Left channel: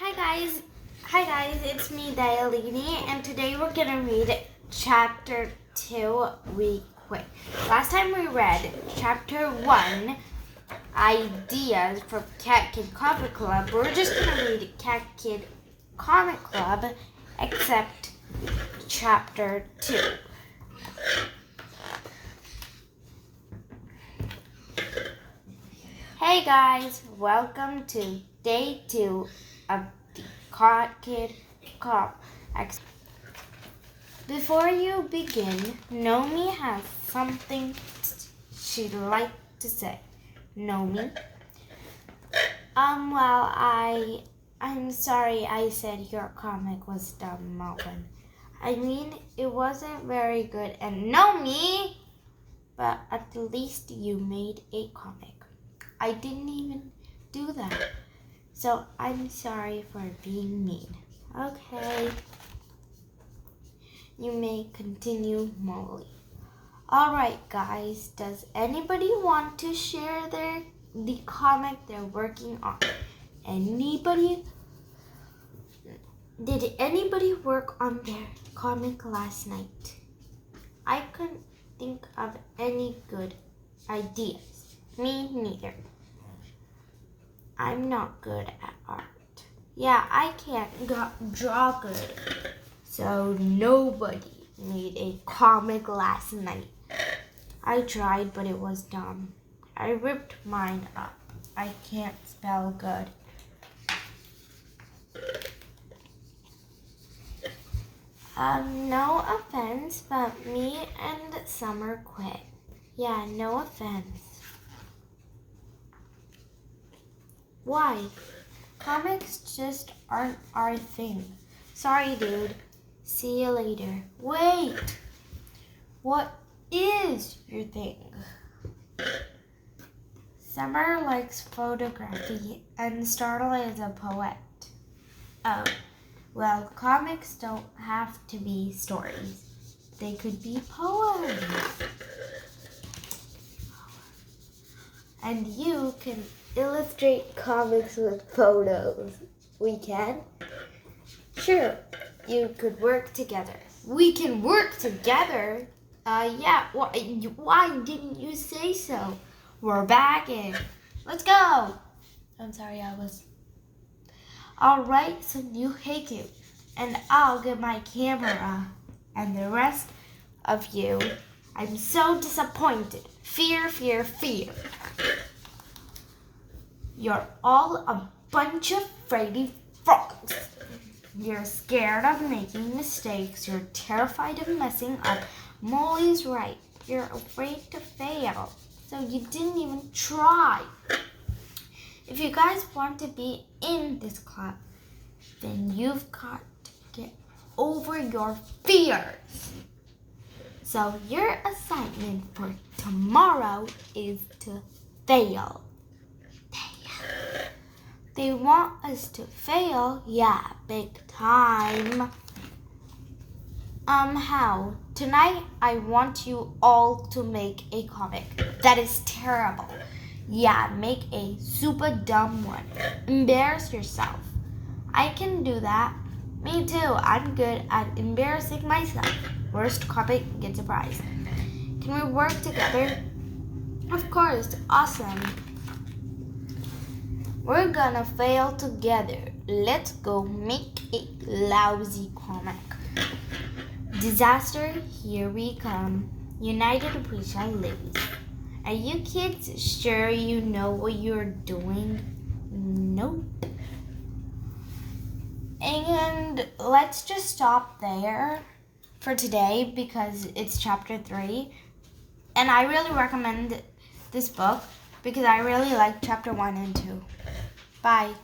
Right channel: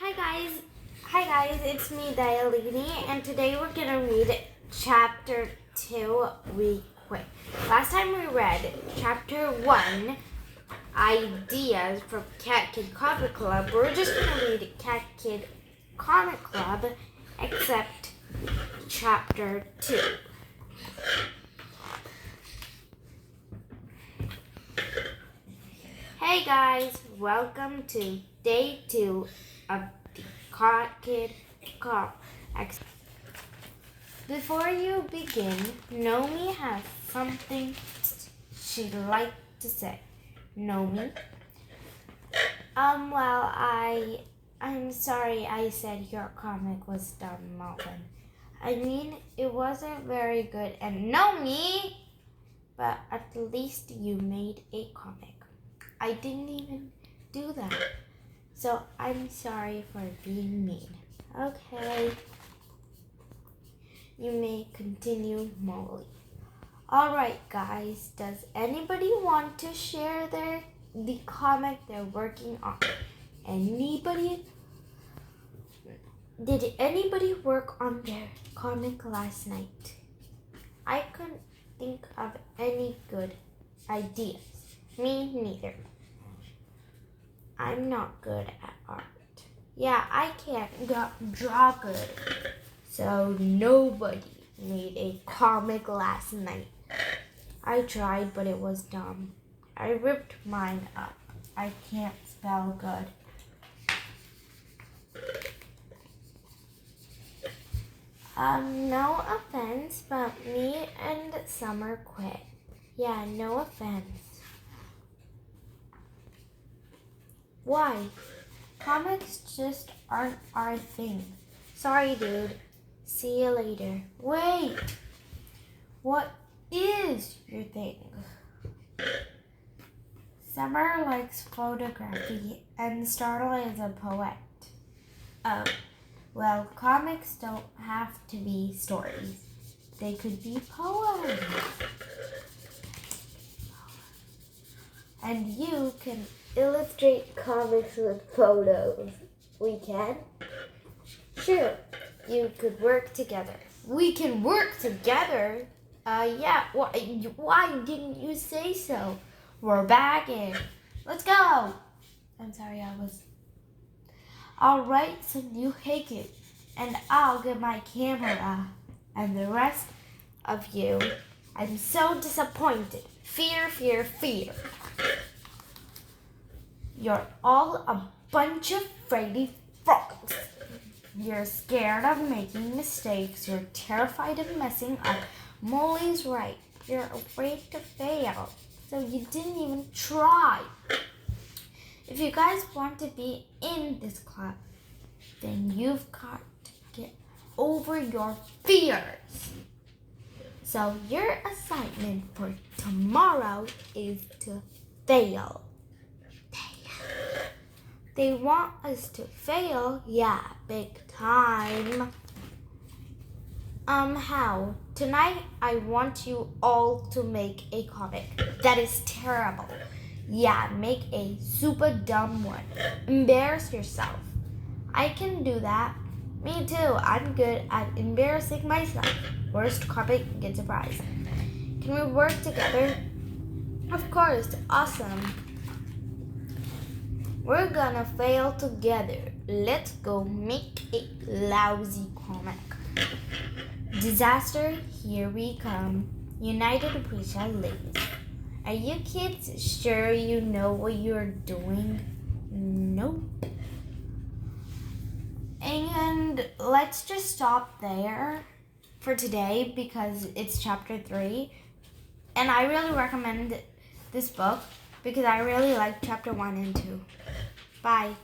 Hi guys, it's me Dialini, and today we're gonna read chapter 2 We Quit. Last time we read chapter 1, Ideas for Cat Kid Comic Club. We're just gonna read Cat Kid Comic Club, except chapter 2. Hey guys, welcome to day 2 of the Cat Kid Club. Before you begin, Nomi has something she'd like to say. Nomi? I'm sorry I said your comic was dumb, Melvin. I mean, it wasn't very good, and Nomi! But at least you made a comic. I didn't even do that. So I'm sorry for being mean. Okay. You may continue, Molly. Alright guys, does anybody want to share the comic they're working on? Did anybody work on their comic last night? I couldn't think of any good ideas. Me neither. I'm not good at art. Yeah, I can't draw good. So nobody made a comic last night. I tried, but it was dumb. I ripped mine up. I can't spell good. No offense, but me and Summer quit. Yeah, no offense. Why? Comics just aren't our thing. Sorry, dude. See you later. Wait! What is your thing? Summer likes photography and Starla is a poet. Oh, well, comics don't have to be stories. They could be poems. And you can illustrate comics with photos. We can? Sure, you could work together. We can work together? Yeah, why didn't you say so? We're back in. Let's go! I'm sorry, I'll write some new haiku, and I'll get my camera. And the rest of you, I'm so disappointed. Fear, fear, fear. You're all a bunch of fraidy frogs. You're scared of making mistakes. You're terrified of messing up. Molly's right. You're afraid to fail. So you didn't even try. If you guys want to be in this club, then you've got to get over your fears. So your assignment for tomorrow is to fail. They want us to fail? Yeah, big time. How? Tonight, I want you all to make a comic. That is terrible. Yeah, make a super dumb one. Embarrass yourself. I can do that. Me too. I'm good at embarrassing myself. Worst comic gets a prize. Can we work together? Of course. Awesome. We're gonna fail together. Let's go make a lousy comic. Disaster, here we come. United we shall live. Are you kids sure you know what you're doing? Nope. And let's just stop there for today because it's chapter 3. And I really recommend this book because I really like chapter 1 and 2. Bye.